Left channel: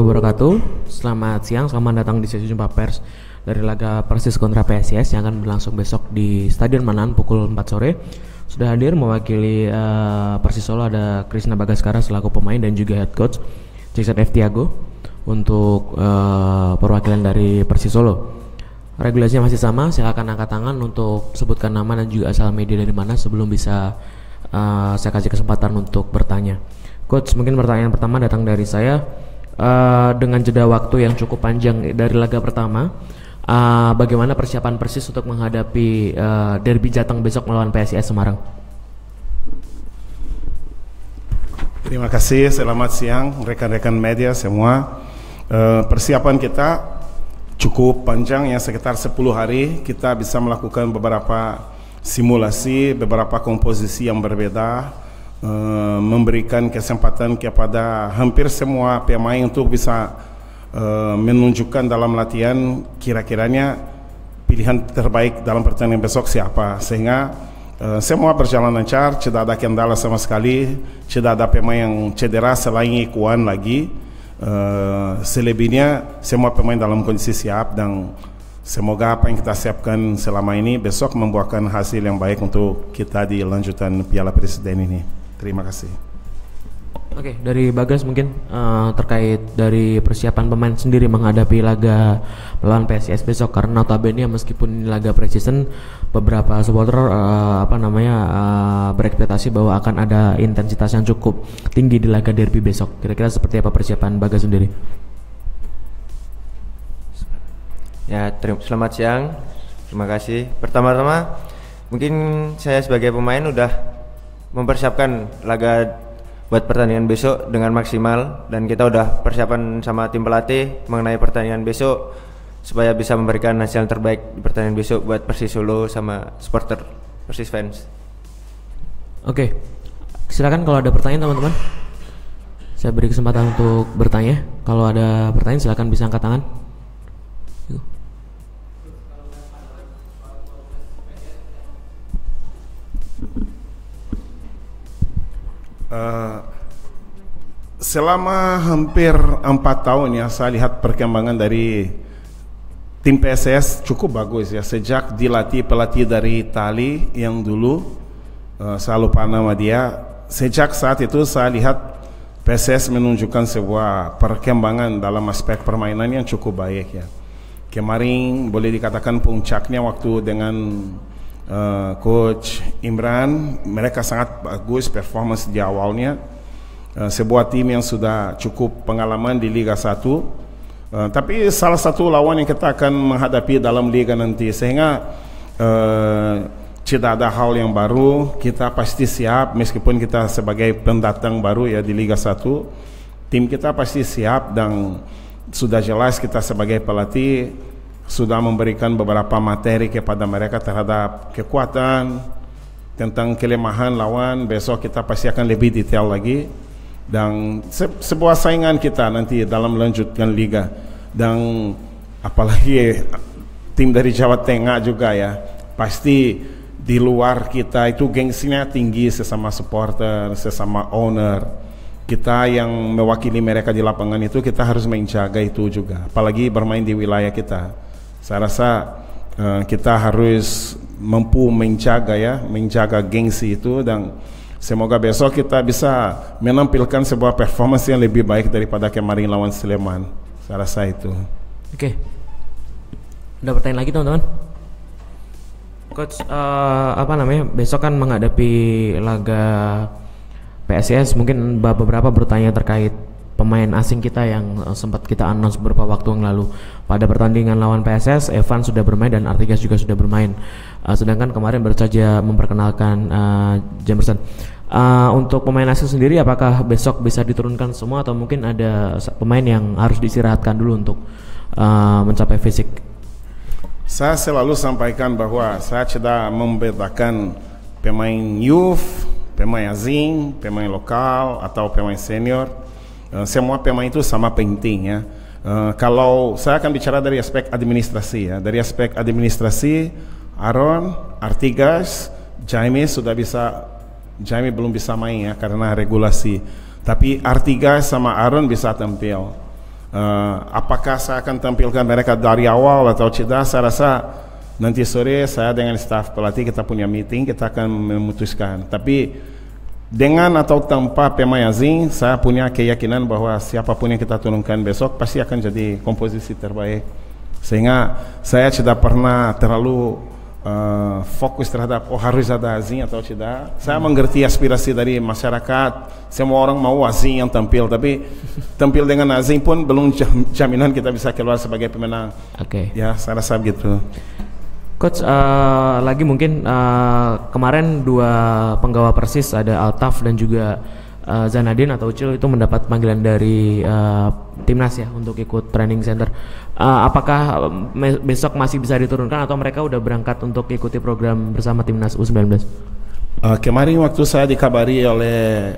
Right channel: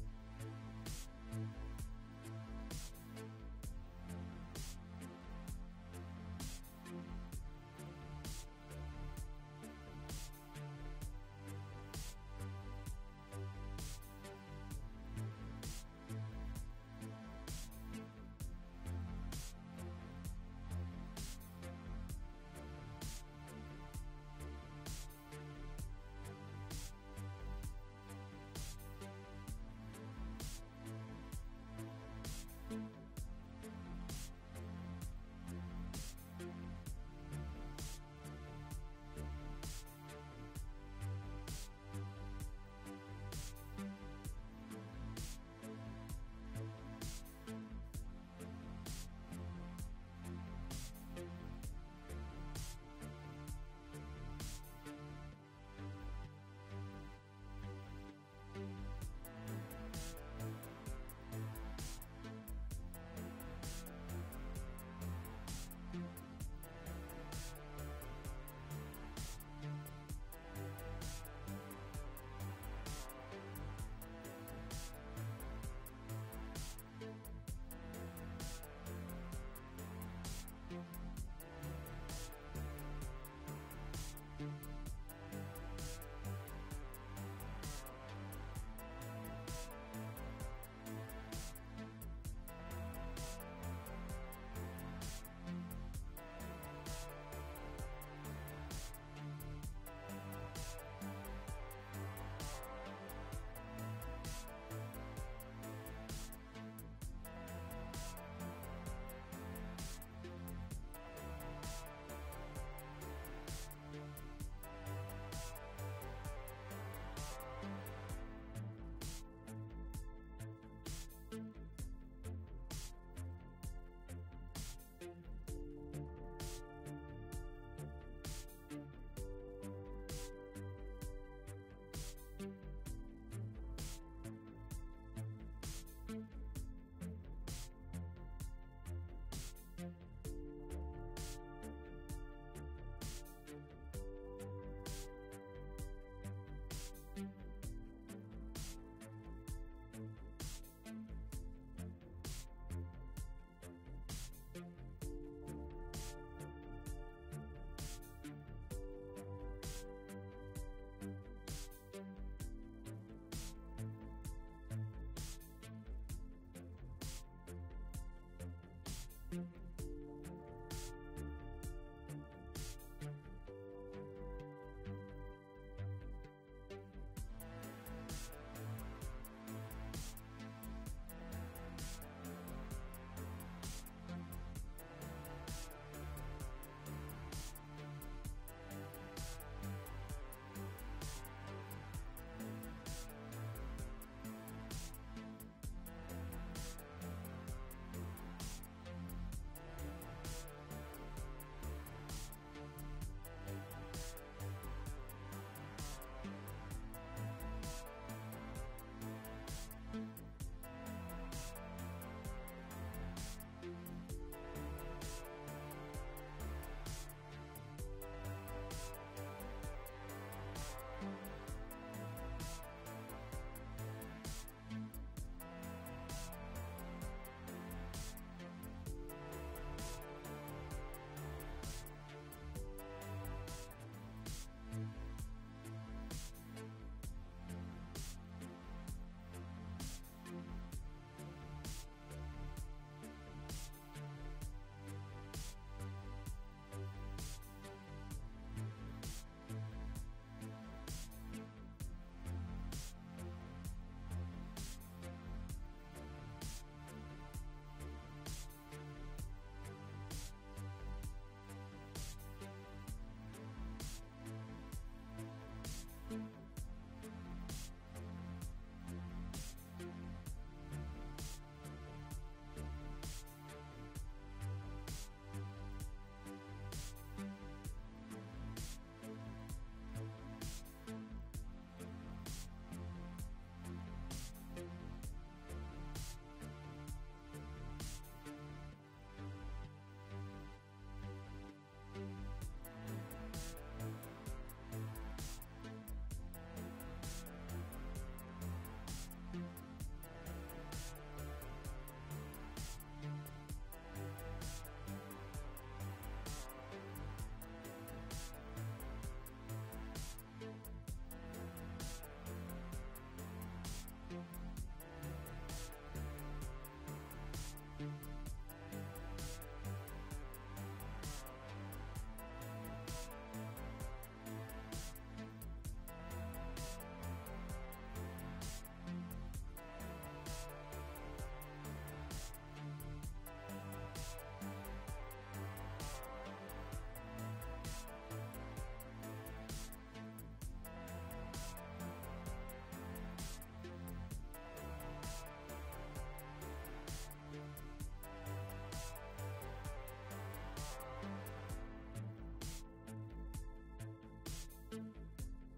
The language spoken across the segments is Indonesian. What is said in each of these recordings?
Wabarakatuh. Selamat siang, selamat datang di sesi jumpa pers dari laga Persis kontra PSIS yang akan berlangsung besok di Stadion Manahan pukul 4 sore. Sudah hadir mewakili Persis Solo ada Krisna Bagaskara selaku pemain dan juga head coach Jason F. Tiago untuk perwakilan dari Persis Solo. Regulasinya masih sama, silakan angkat tangan untuk sebutkan nama dan juga asal media dari mana sebelum bisa saya kasih kesempatan untuk bertanya. Coach, mungkin pertanyaan pertama datang dari saya. Dengan jeda waktu yang cukup panjang dari laga pertama, bagaimana persiapan Persis untuk menghadapi derby Jateng besok melawan PSIS Semarang? Terima kasih, selamat siang rekan-rekan media semua. Persiapan kita cukup panjang ya, sekitar 10 hari kita bisa melakukan beberapa simulasi, beberapa komposisi yang berbeda, memberikan kesempatan kepada hampir semua pemain untuk bisa menunjukkan dalam latihan kira-kiranya pilihan terbaik dalam pertandingan besok siapa, sehingga semua berjalan lancar, tidak ada kendala sama sekali, tidak ada pemain yang cedera selain Ikuan lagi. Selebihnya semua pemain dalam kondisi siap dan semoga apa yang kita siapkan selama ini besok membuahkan hasil yang baik untuk kita di lanjutan Piala Presiden ini. Terima kasih. Oke, dari Bagas mungkin terkait dari persiapan pemain sendiri menghadapi laga melawan PSIS besok, karena notabene meskipun ini laga preseason, beberapa supporter berekspektasi bahwa akan ada intensitas yang cukup tinggi di laga derby besok. Kira-kira seperti apa persiapan Bagas sendiri? Ya, selamat siang. Terima kasih. Pertama-tama mungkin saya sebagai pemain udah mempersiapkan laga buat pertandingan besok dengan maksimal, dan kita udah persiapan sama tim pelatih mengenai pertandingan besok supaya bisa memberikan hasil yang terbaik di pertandingan besok buat Persis Solo sama supporter Persis fans. Oke, silakan kalau ada pertanyaan teman-teman. Saya beri kesempatan untuk bertanya. Kalau ada pertanyaan silakan bisa angkat tangan. Selama hampir 4 tahun ya, saya lihat perkembangan dari tim PSIS cukup bagus ya. Sejak dilatih pelatih dari Itali yang dulu, saya lupa nama dia. Sejak saat itu saya lihat PSIS menunjukkan sebuah perkembangan dalam aspek permainan yang cukup baik ya. Kemarin boleh dikatakan puncaknya waktu dengan Coach Imran, mereka sangat bagus performance di awalnya. Sebuah tim yang sudah cukup pengalaman di Liga 1, tapi salah satu lawan yang kita akan menghadapi dalam Liga nanti, sehingga tidak ada hal yang baru. Kita pasti siap, meskipun kita sebagai pendatang baru ya di Liga 1, tim kita pasti siap, dan sudah jelas kita sebagai pelatih sudah memberikan beberapa materi kepada mereka terhadap kekuatan, tentang kelemahan lawan. Besok kita pasti akan lebih detail lagi, dan sebuah saingan kita nanti dalam melanjutkan liga. Dan apalagi tim dari Jawa Tengah juga ya, pasti di luar kita itu gengsinya tinggi sesama supporter, sesama owner. Kita yang mewakili mereka di lapangan itu, kita harus menjaga itu juga, apalagi bermain di wilayah kita. Saya rasa kita harus mampu menjaga gengsi itu, dan semoga besok kita bisa menampilkan sebuah performance yang lebih baik daripada kemarin lawan Sleman. Saya rasa itu. Oke. Ada pertanyaan lagi teman-teman? Coach, besok kan menghadapi laga PSIS, mungkin beberapa bertanya terkait pemain asing kita yang sempat kita announce beberapa waktu yang lalu. Pada pertandingan lawan PSS, Evan sudah bermain dan Artigas juga sudah bermain. Sedangkan kemarin baru saja memperkenalkan Jamerson. Untuk pemain asing sendiri, apakah besok bisa diturunkan semua atau mungkin ada pemain yang harus diistirahatkan dulu untuk mencapai fisik? Saya selalu sampaikan bahwa saya tidak membedakan pemain youth, pemain asing, pemain lokal atau pemain senior. Semua pemain itu sama penting ya. Kalau saya akan bicara dari aspek administrasi ya, dari aspek administrasi, Aaron, Artigas, Jaime belum bisa main ya karena regulasi. Tapi Artigas sama Aaron bisa tampil. Apakah saya akan tampilkan mereka dari awal atau tidak, saya rasa nanti sore saya dengan staf pelatih kita punya meeting, kita akan memutuskan. Tapi dengan atau tanpa pemain asing, saya punya keyakinan bahwa siapapun yang kita turunkan besok pasti akan jadi komposisi terbaik. Sehingga saya tidak pernah terlalu fokus terhadap harus ada asing atau tidak. Saya mengerti aspirasi dari masyarakat. Semua orang mau asing yang tampil, tapi tampil dengan asing pun belum jaminan kita bisa keluar sebagai pemenang. Oke. Ya, saya rasa begitu. Coach, lagi mungkin kemarin dua penggawa Persis ada Altaf dan juga Zanadin atau Ucil itu mendapat panggilan dari timnas ya untuk ikut training center. Apakah besok masih bisa diturunkan atau mereka udah berangkat untuk ikuti program bersama timnas U19? Kemarin waktu saya dikabari oleh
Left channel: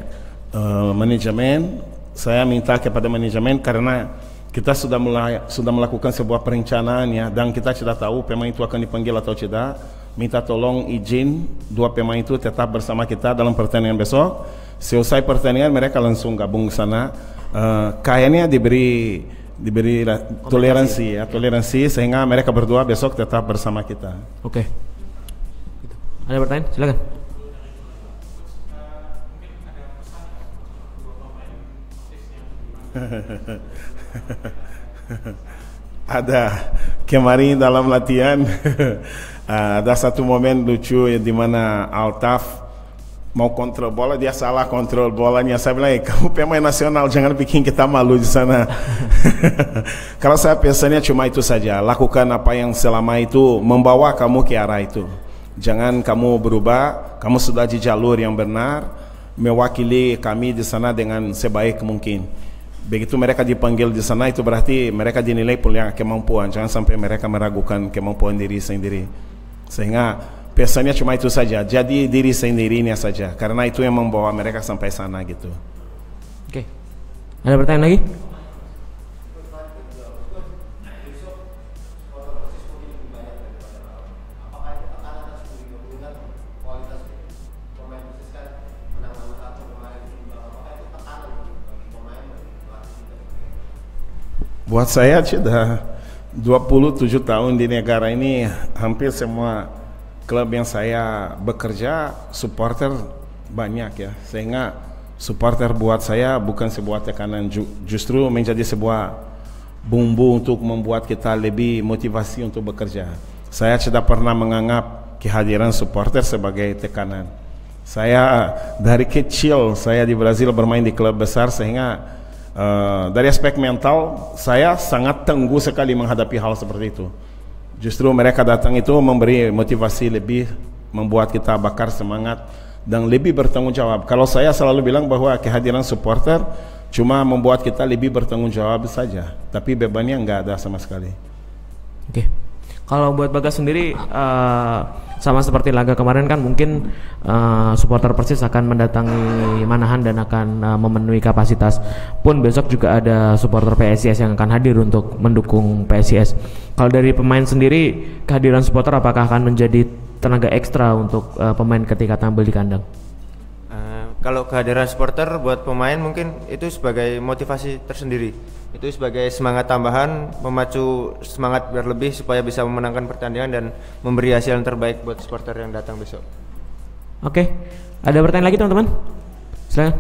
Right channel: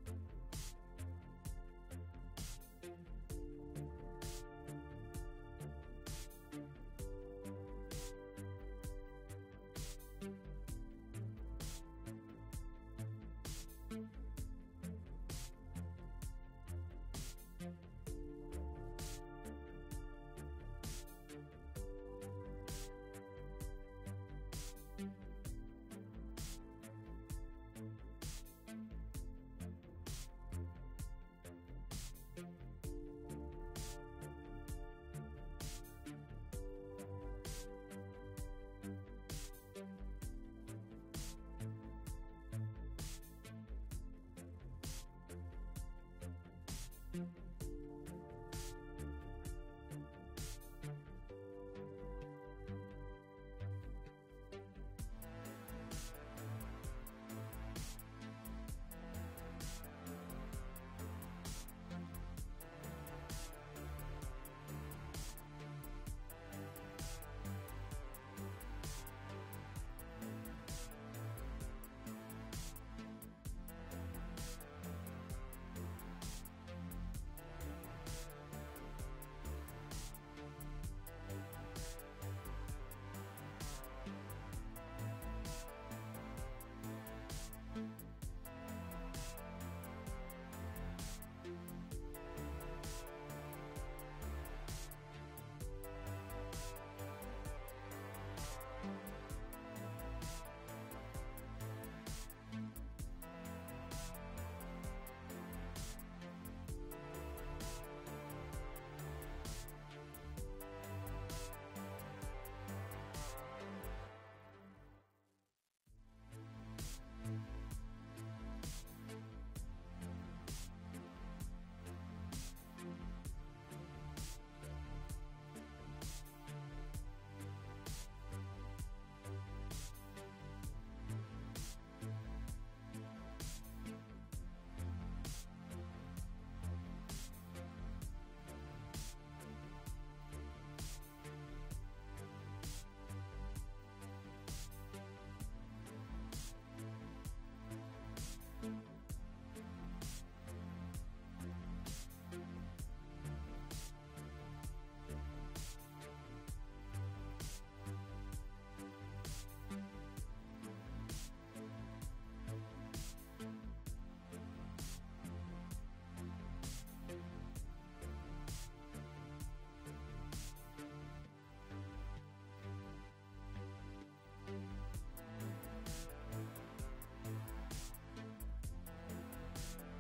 manajemen, saya minta kepada manajemen karena kita sudah melakukan sebuah perencanaan ya, dan kita tidak tahu pemain itu akan dipanggil atau tidak. Minta tolong izin dua pemain itu tetap bersama kita dalam pertandingan besok. Selesai pertandingan mereka langsung gabung ke sana. Kayaknya diberi toleransi sehingga mereka berdua besok tetap bersama kita. Oke. Ada pertanyaan? Silakan. Ada kemarin dalam latihan ada satu momen lucu di mana Altaf mau kontrol bola, dia salah kontrol bolanya. Saya bilang, kamu pemain nasional, jangan bikin kita malu di sana. Kalau saya pesannya cuma itu saja, lakukan apa yang selama itu membawa kamu ke arah itu. Jangan kamu berubah, kamu sudah di jalur yang benar, mewakili kami di sana dengan sebaik mungkin. Begitu mereka dipanggil di sana, itu berarti mereka dinilai punya kemampuan. Jangan sampai mereka meragukan kemampuan diri sendiri. Sehingga pesannya cuma itu saja, jadi diri sendirinya saja, karena itu yang membawa mereka sampai sana gitu. Oke. Ada pertanyaan lagi? Buat saya sudah 27 tahun di negara ini, hampir semua klub yang saya bekerja supporter banyak ya, sehingga supporter buat saya bukan sebuah tekanan, justru menjadi sebuah bumbu untuk membuat kita lebih motivasi untuk bekerja. Saya tidak pernah menganggap kehadiran supporter sebagai tekanan. Saya dari kecil saya di Brazil bermain di klub besar, sehingga dari aspek mental saya sangat tangguh sekali menghadapi hal seperti itu. Justru mereka datang itu memberi motivasi lebih, membuat kita bakar semangat dan lebih bertanggung jawab. Kalau saya selalu bilang bahwa kehadiran supporter cuma membuat kita lebih bertanggung jawab saja, tapi bebannya nggak ada sama sekali. Oke. Kalau buat Bagas sendiri, sama seperti laga kemarin kan mungkin supporter Persis akan mendatangi Manahan dan akan memenuhi kapasitas. Pun besok juga ada supporter PSIS yang akan hadir untuk mendukung PSIS. Kalau dari pemain sendiri, kehadiran supporter apakah akan menjadi tenaga ekstra untuk pemain ketika tampil di kandang? Kalau kehadiran supporter buat pemain mungkin itu sebagai motivasi tersendiri. Itu sebagai semangat tambahan, memacu semangat berlebih supaya bisa memenangkan pertandingan dan memberi hasil yang terbaik buat supporter yang datang besok. Oke, ada pertanyaan lagi teman-teman? Silakan.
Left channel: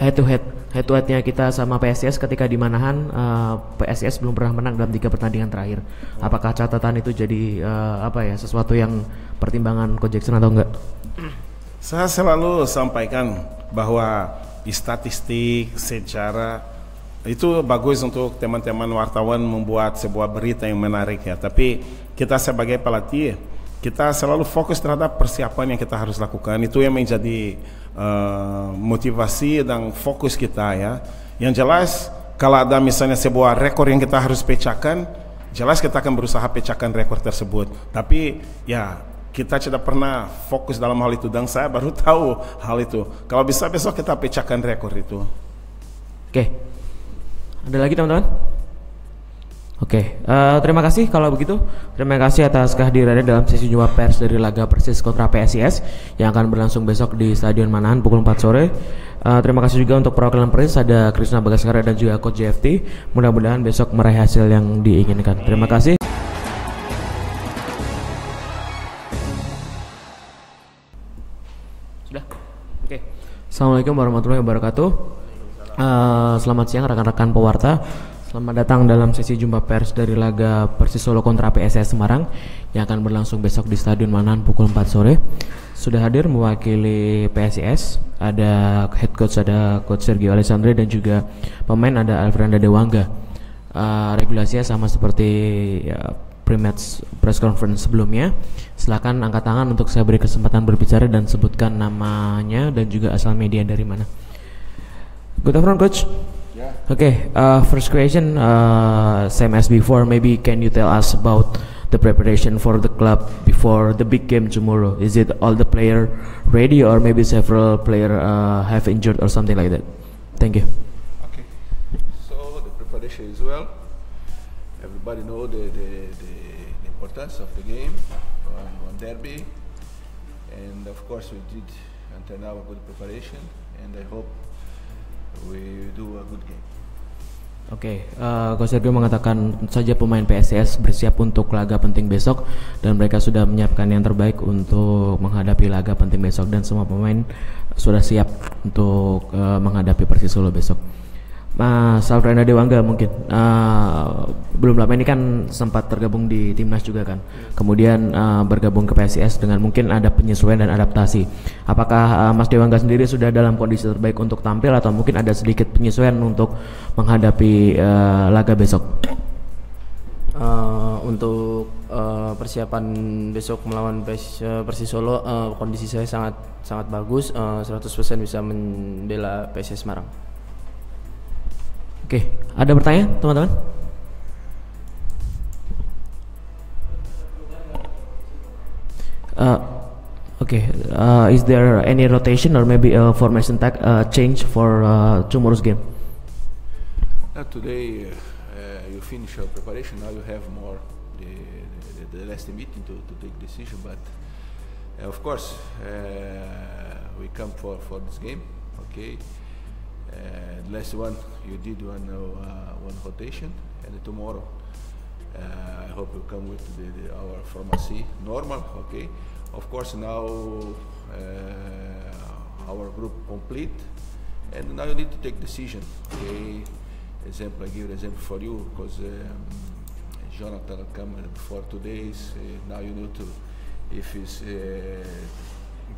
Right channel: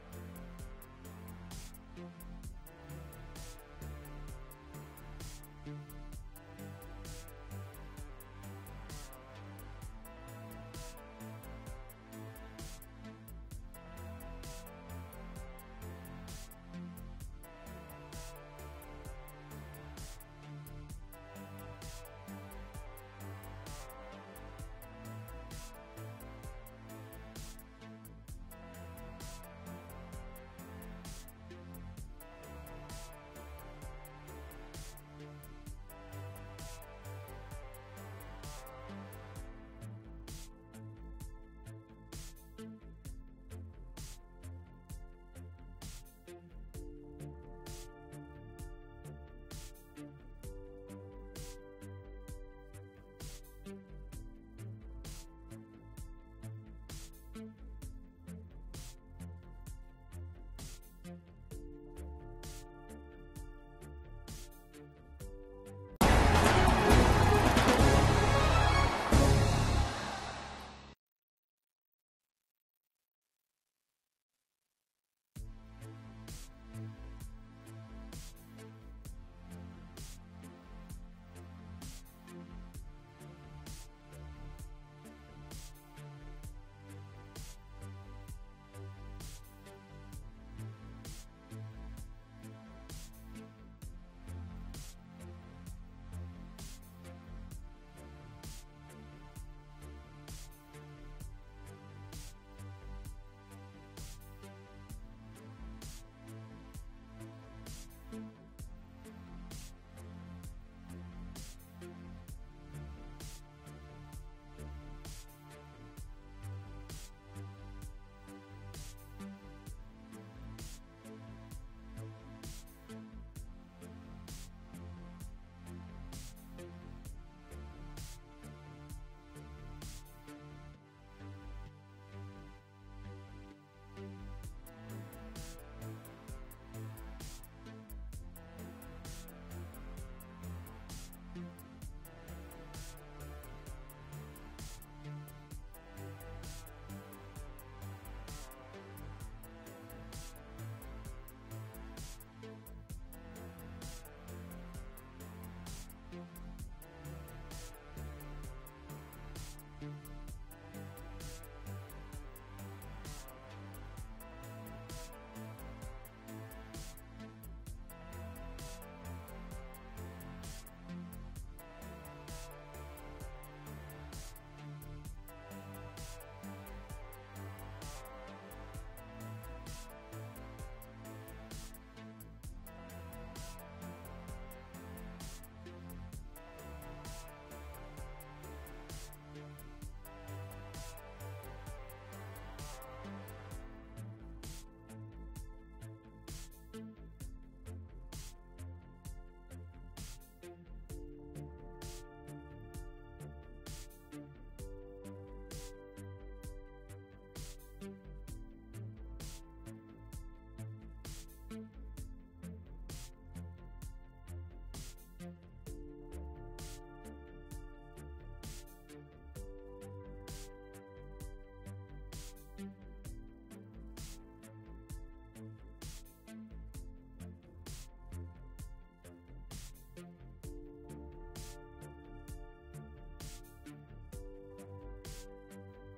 Head to headnya kita sama PSIS ketika di Manahan, PSIS belum pernah menang dalam 3 pertandingan terakhir. Apakah catatan itu jadi sesuatu yang pertimbangan Coach Jackson atau enggak? Saya selalu sampaikan bahwa statistik, sejarah itu bagus untuk teman-teman wartawan membuat sebuah berita yang menarik ya. Tapi kita sebagai pelatih, kita selalu fokus terhadap persiapan yang kita harus lakukan. Itu yang menjadi motivasi dan fokus kita ya. Yang jelas kalau ada misalnya sebuah rekor yang kita harus pecahkan, jelas kita akan berusaha pecahkan rekor tersebut. Tapi ya kita tidak pernah fokus dalam hal itu, dan saya baru tahu hal itu. Kalau bisa besok kita pecahkan rekor itu. Oke. Ada lagi teman-teman? Oke, terima kasih kalau begitu. Terima kasih atas kehadirannya dalam sesi jumpa pers dari laga Persis kontra PSIS yang akan berlangsung besok di Stadion Manahan pukul 4 sore. Terima kasih juga untuk perwakilan Persis, ada Krisna Bagaskara dan juga Coach JFT. Mudah-mudahan besok meraih hasil yang diinginkan. Terima kasih. Sudah? Oke. Assalamualaikum warahmatullahi wabarakatuh. Selamat siang rekan-rekan pewarta. Selamat datang dalam sesi jumpa pers dari laga Persis Solo kontra PSIS Semarang yang akan berlangsung besok di Stadion Manahan pukul 4 sore. Sudah hadir mewakili PSIS, ada head coach, ada coach Sergio Alessandri dan juga pemain ada Alfrenda Dewangga. Regulasinya sama seperti pre-match press conference sebelumnya. Silakan angkat tangan untuk saya beri kesempatan berbicara dan sebutkan namanya dan juga asal media dari mana. Good afternoon, coach. Okay, first question, same as before, maybe can you tell us about the preparation for the club before the big game tomorrow? Is it all the player ready or maybe several player have injured or something like that? Thank you. Okay, so the preparation is well. Everybody know the importance of the game on derby, and of course we did until now a good preparation, and I hope we do a good game. Oke, Coach Sergio mengatakan saja pemain PSIS bersiap untuk laga penting besok dan mereka sudah menyiapkan yang terbaik untuk menghadapi laga penting besok dan semua pemain sudah siap untuk menghadapi Persis Solo besok. Mas Alfrenda Dewangga mungkin belum lama ini kan sempat tergabung di timnas juga kan, kemudian bergabung ke PSIS dengan mungkin ada penyesuaian dan adaptasi. Apakah Mas Dewangga sendiri sudah dalam kondisi terbaik untuk tampil atau mungkin ada sedikit penyesuaian untuk menghadapi laga besok? Untuk persiapan besok melawan Persis Solo, kondisi saya sangat bagus, 100% bisa membela PSIS Semarang. Oke, ada pertanyaan teman-teman? Is there any rotation or maybe a formation change for tomorrow's game? Today you finish your preparation. Now you have more the last meeting to take decision. But of course we come for this game. Okay. The last one you did one rotation, and tomorrow I hope you come with our pharmacy normal. Okay, of course now our group complete, and now you need to take decision. Okay, example, I give an example for you because Jonathan come for 2 days. Now you need to, if it's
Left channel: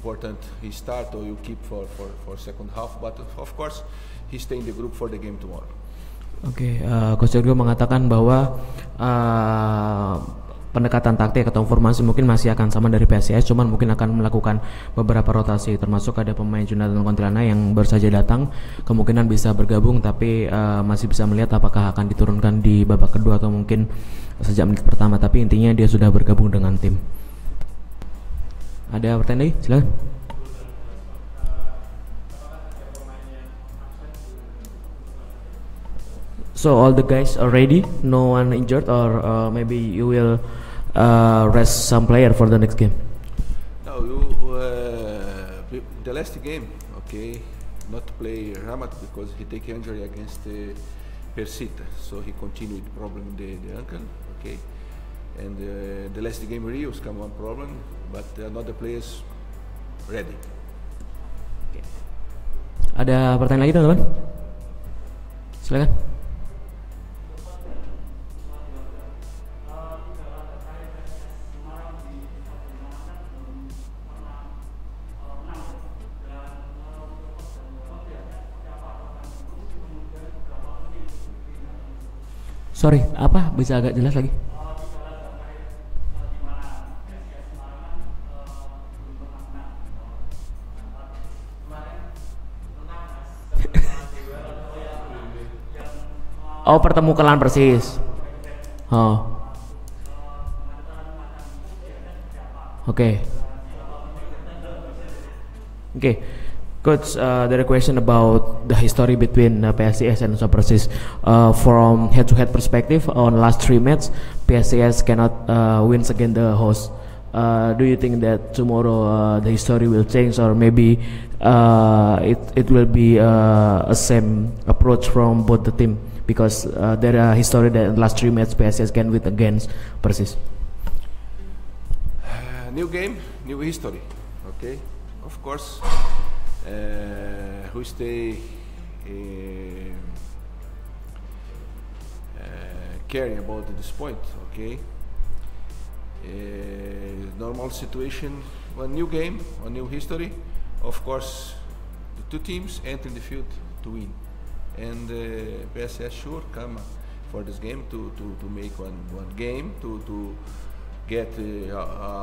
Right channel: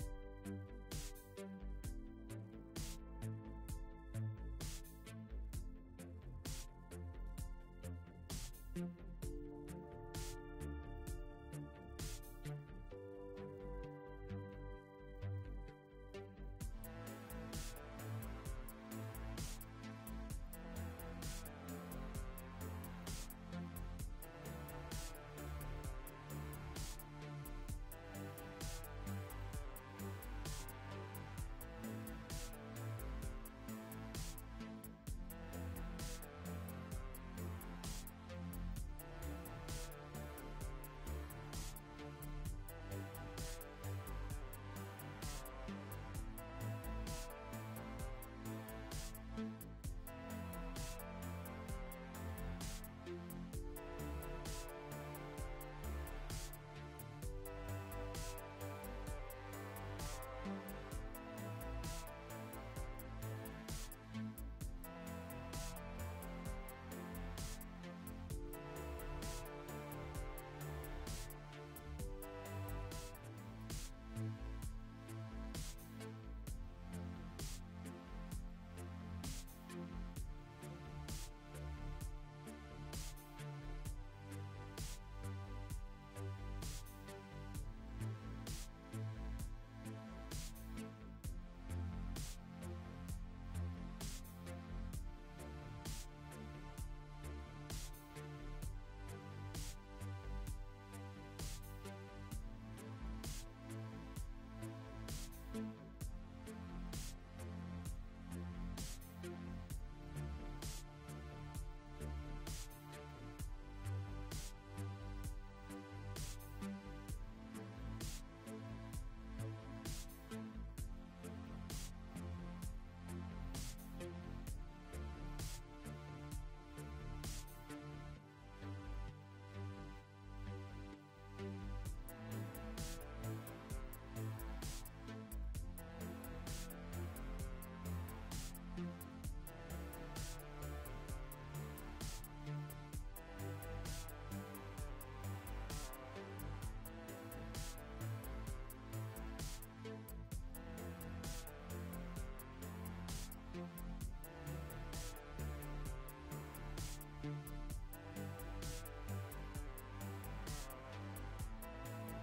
important, he start or you keep for second half. But of course, he stay in the group for the game tomorrow. Oke, Coach Sergio mengatakan bahwa pendekatan taktik atau formasi mungkin masih akan sama dari PSIS, cuman mungkin akan melakukan beberapa rotasi, termasuk ada pemain Jonathan Kontilana yang baru saja datang, kemungkinan bisa bergabung, tapi masih bisa melihat apakah akan diturunkan di babak kedua atau mungkin sejak menit pertama, tapi intinya dia sudah bergabung dengan tim. Ada pertanyaan lagi? Silakan. So all the guys are ready, no one injured, or maybe you will rest some player for the next game? No, the last game, okay, not play Ramat because he take injury against Persita, so he continued problem the ankle, okay, and the last game Rios come one problem, but another players ready. Ada pertanyaan lagi teman-teman? Silakan. Sorry, apa? Bisa agak jelas lagi? Oh, pertemukan lawan Persis. Oh. Oke. Coach, there are question about the history between PSIS and Super Persis. From head-to-head perspective, on last 3 matches, PSIS cannot win against the host. Do you think that tomorrow the history will change, or maybe it will be a same approach from both the team? Because there are history that last 3 matches PSIS can win against Persis. New game, new history. Okay, of course. We stay caring about this point, okay? Normal situation, one new game, one new history. Of course, the 2 teams enter the field to win, and PSS sure come for this game to make one game to get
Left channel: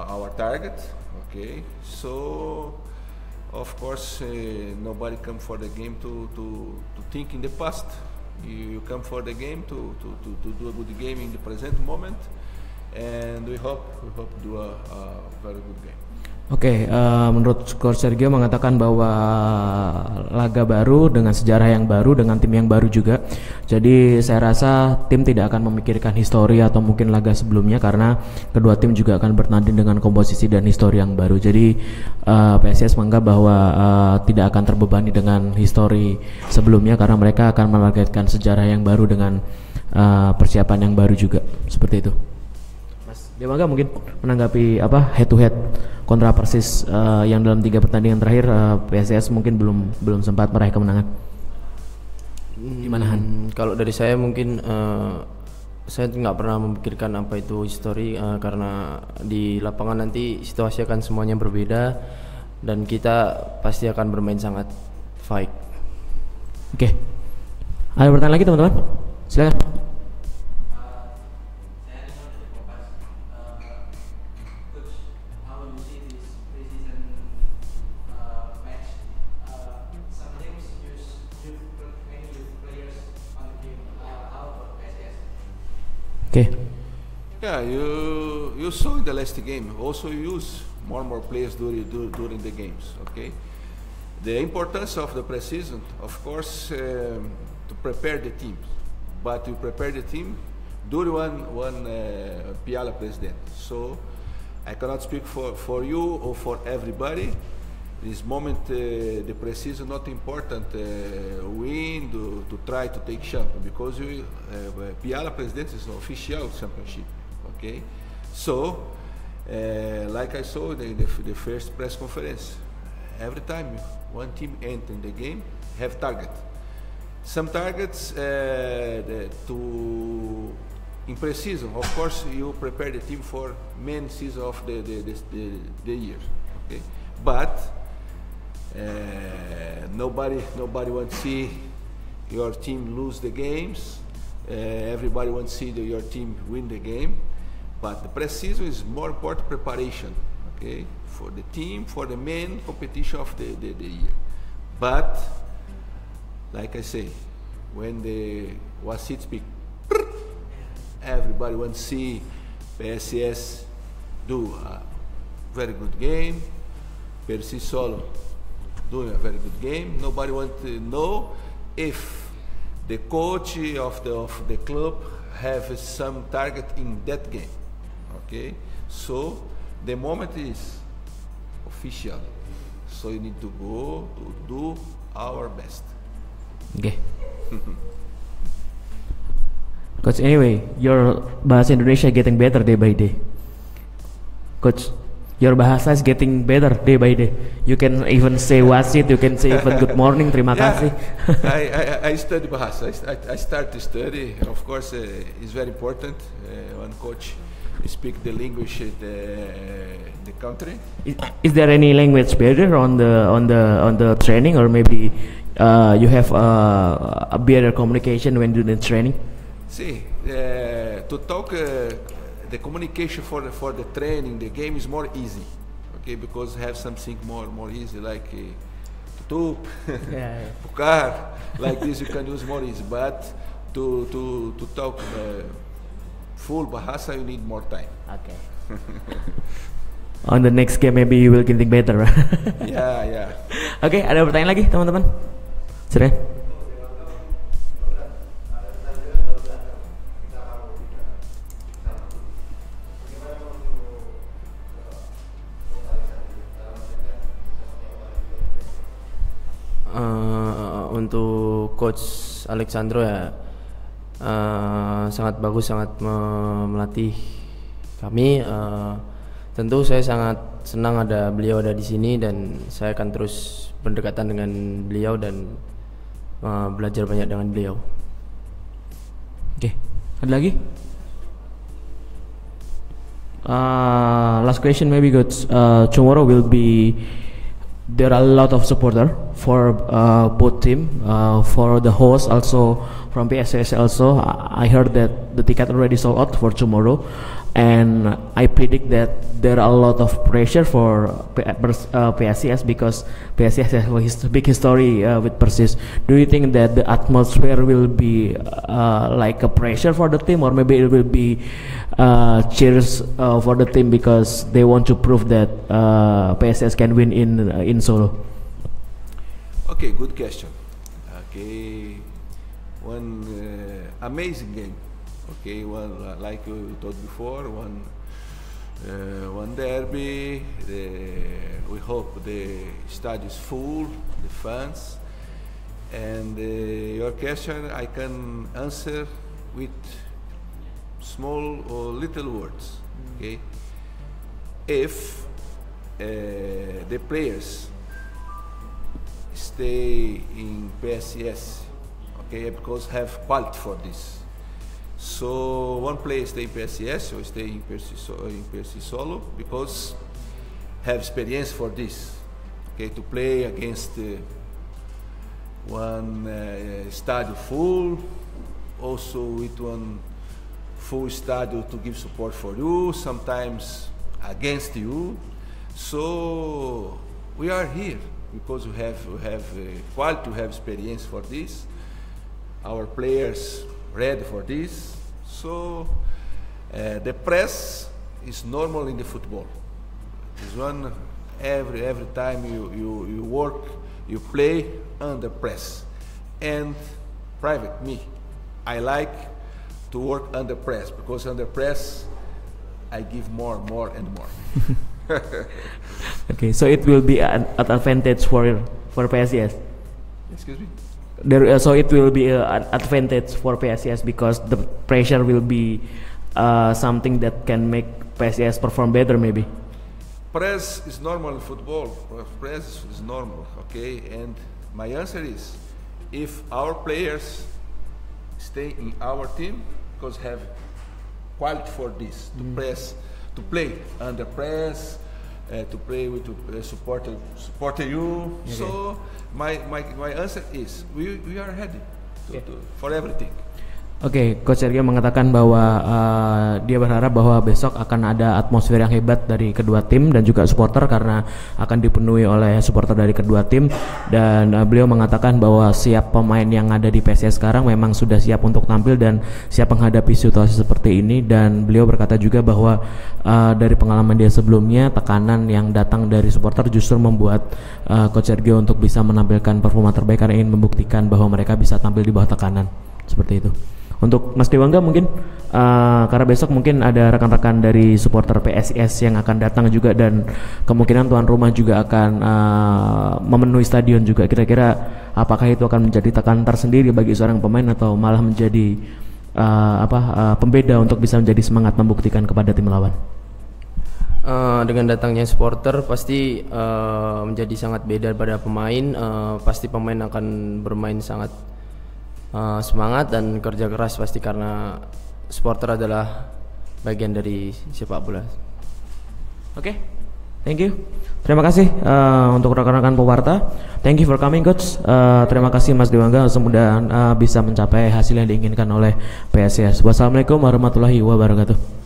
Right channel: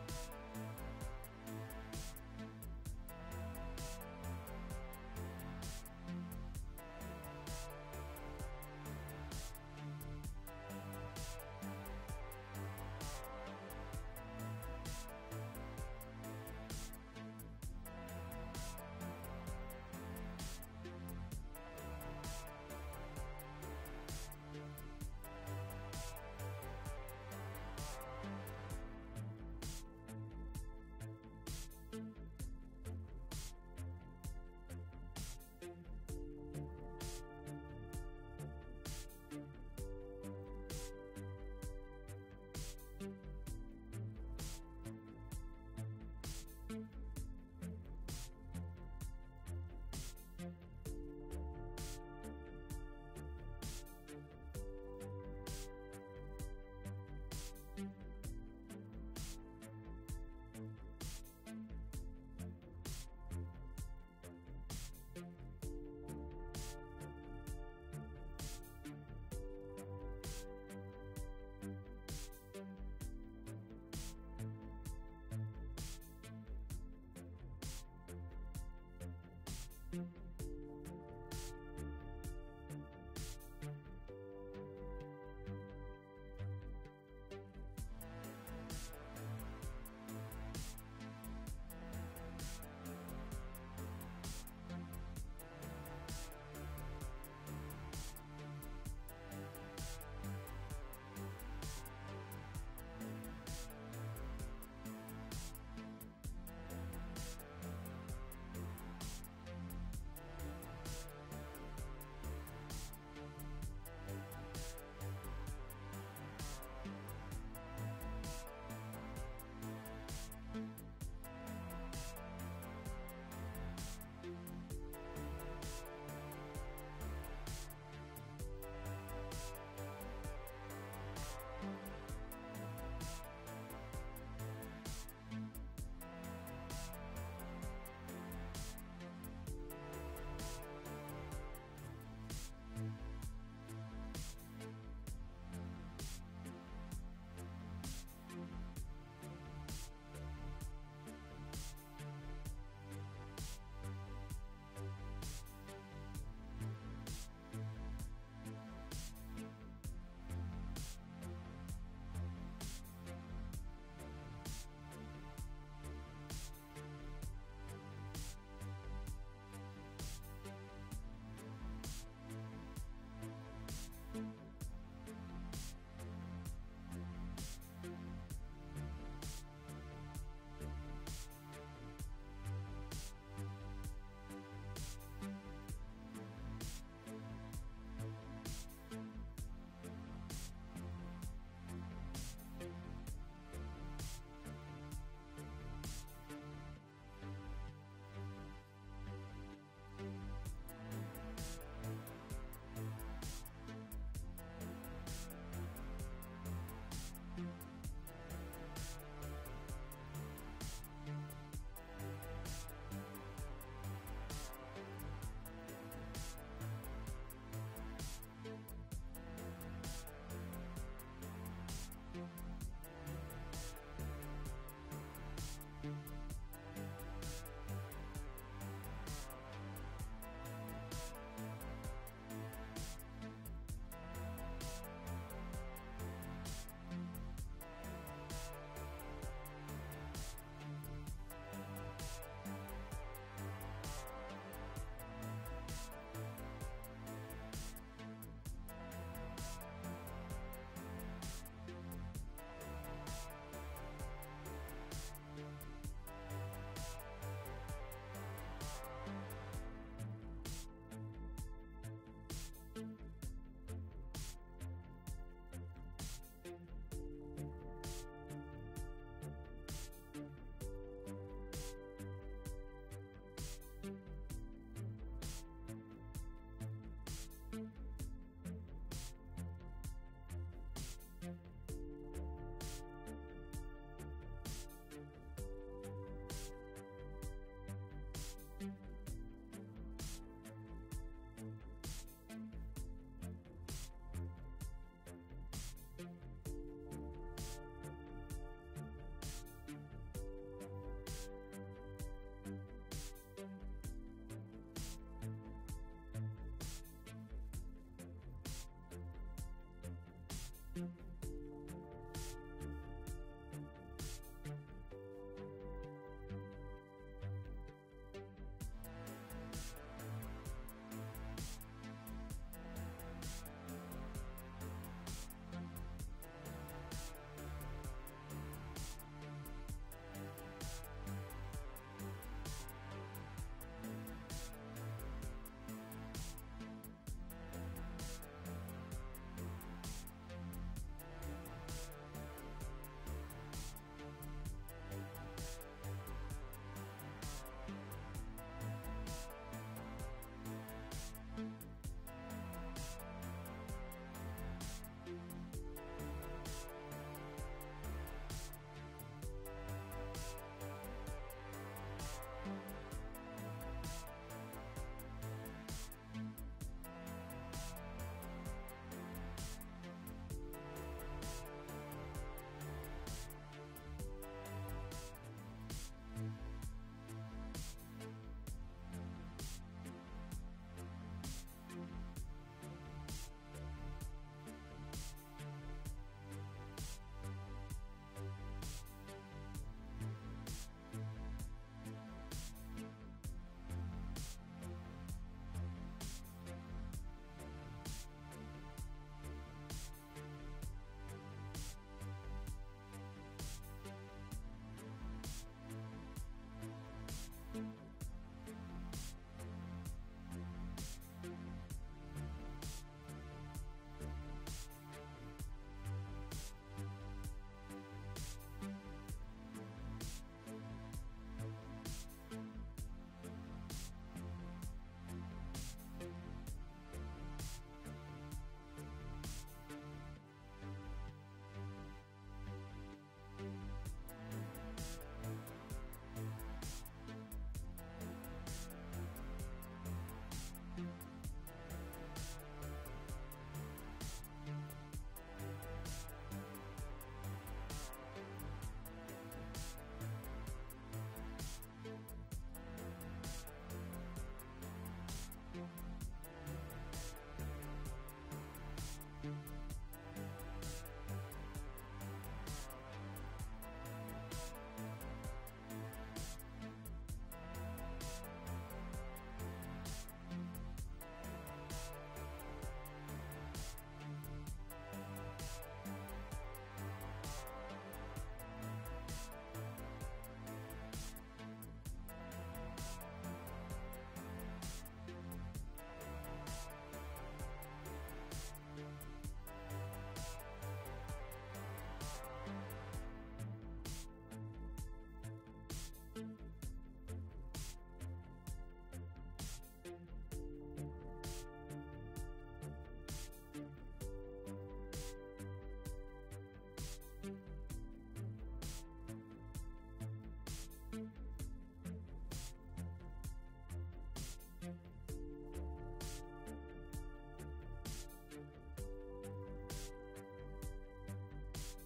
our target, okay? So. Of course, nobody come for the game to think in the past. You come for the game to do a good game in the present moment, and we hope do a very good game. Oke, menurut Coach Sergio mengatakan bahwa laga baru dengan sejarah yang baru, dengan tim yang baru juga. Jadi saya rasa tim tidak akan memikirkan histori atau mungkin laga sebelumnya, karena kedua tim juga akan bertanding dengan komposisi dan histori yang baru. Jadi PSIS menganggap bahwa tidak akan terbebani dengan histori sebelumnya, karena mereka akan menargetkan sejarah yang baru dengan persiapan yang baru juga. Seperti itu. Mas Demaga mungkin menanggapi head to head kontra Persis yang dalam 3 pertandingan terakhir PSIS mungkin belum sempat meraih kemenangan. Gimana Han? Kalau dari saya mungkin saya nggak pernah memikirkan apa itu history, karena di lapangan nanti situasi akan semuanya berbeda dan kita pasti akan bermain sangat fight. Oke. Ada pertanyaan lagi teman-teman? Silakan. Okay. Yeah, you saw in the last game. Also, you use more players during the games. Okay. The importance of the preseason, of course, to prepare the team, but you prepare the team during one Piala president. So I cannot speak for you or for everybody. This moment, the preseason not important. Win to try to take champion, because Piala President is an official championship. Okay, so like I saw the first press conference, every time one team enter the game have target. Some targets in preseason. Of course, you prepare the team for main season of the year. Okay, but nobody wants to see your team lose the games. Everybody wants to see your team win the game. But the pre-season is more important preparation, okay, for the team, for the main competition of the year. But like I say, when the Wasit speak, everybody wants to see PSIS do a very good game. Persis Solo doing a very good game. Nobody wants to know if the coach of the club have some target in that game. Okay, so the moment is official. So you need to go to do our best. Okay. Coach, anyway, your bahasa Indonesia getting better day by day. Coach, your bahasa is getting better day by day. You can even say wasit, you can say even good morning, terima kasih. I study bahasa. I start to study. Of course, it's very important. One coach speak the language the country. Is there any language barrier on the training, or maybe you have a better communication when doing the training? See, to talk. The communication for the training, the game is more easy, okay, because have something more easy, like tutup, pucar, like this you can use more easy. But to talk full bahasa, you need more time. Okay. On the next game, maybe you will getting better. Yeah. Oke, ada pertanyaan lagi teman-teman? Silakan. Untuk Coach Alexandro ya sangat bagus, sangat melatih kami. Tentu saya sangat senang ada beliau ada di sini dan saya akan terus berdekatan dengan beliau dan belajar banyak dengan beliau. Oke, ada lagi? Last question maybe Coach. Tomorrow will be there are a lot of supporter for both team, for the host also from PSS also. I heard that the ticket already sold out for tomorrow, and I predict that there are a lot of pressure for PSS because PSS has a big history with Persis. Do you think that the atmosphere will be like a pressure for the team, or maybe it will be cheers for the team because they want to prove that PSS can win in Solo? Okay, good question. Okay, one amazing game. Okay, one like we talked before, one derby. We hope the stadium is full, the fans. And your question, I can answer with small or little words. Okay, if the players stay in PSS, okay, because have quality for this. So one player stay in PSS or stay in PSS Solo because have experience for this. Okay, to play against one stadium full, also with one full stadium to give support for you, sometimes against you. So we are here because we have quality, to have experience for this. Our players ready for this. So the press is normal in the football. It's one every time you work, you play under press. And private, me, I like to work under press because under press I give more and more. Okay, so it will be an advantage for PSS. Excuse me? So it will be an advantage for PSS because the pressure will be something that can make PSS perform better maybe. Press is normal in football. Press is normal, okay? And my answer is, if our players stay in our team, because have quality for this, to press, to play under press, to play with support you. Okay. So my answer is we are ready for everything. Oke, Coach Sergio mengatakan bahwa dia berharap bahwa besok akan ada atmosfer yang hebat dari kedua tim dan juga supporter karena akan dipenuhi oleh supporter dari kedua tim, dan beliau mengatakan bahwa siap pemain yang ada di PSS sekarang memang sudah siap untuk tampil dan siap menghadapi situasi seperti ini, dan beliau berkata juga bahwa dari pengalaman dia sebelumnya tekanan yang datang dari supporter justru membuat Coach Sergio untuk bisa menampilkan performa terbaik karena ingin membuktikan bahwa mereka bisa tampil di bawah tekanan seperti itu. Untuk Mas Dewangga mungkin karena besok mungkin ada rekan-rekan dari supporter PSIS yang akan datang juga dan kemungkinan tuan rumah juga akan memenuhi stadion juga. Kira-kira apakah itu akan menjadi tekanan tersendiri bagi seorang pemain atau malah menjadi pembeda untuk bisa menjadi semangat membuktikan kepada tim lawan? Dengan datangnya supporter pasti menjadi sangat beda pada pemain. Pasti pemain akan bermain sangat semangat dan kerja keras pasti karena supporter adalah bagian dari sepak bola. Oke, thank you. Terima kasih untuk rekan-rekan pewarta. Thank you for coming, Coach. Terima kasih Mas Dewangga, semoga bisa mencapai hasil yang diinginkan oleh PSIS. Wassalamualaikum warahmatullahi wabarakatuh.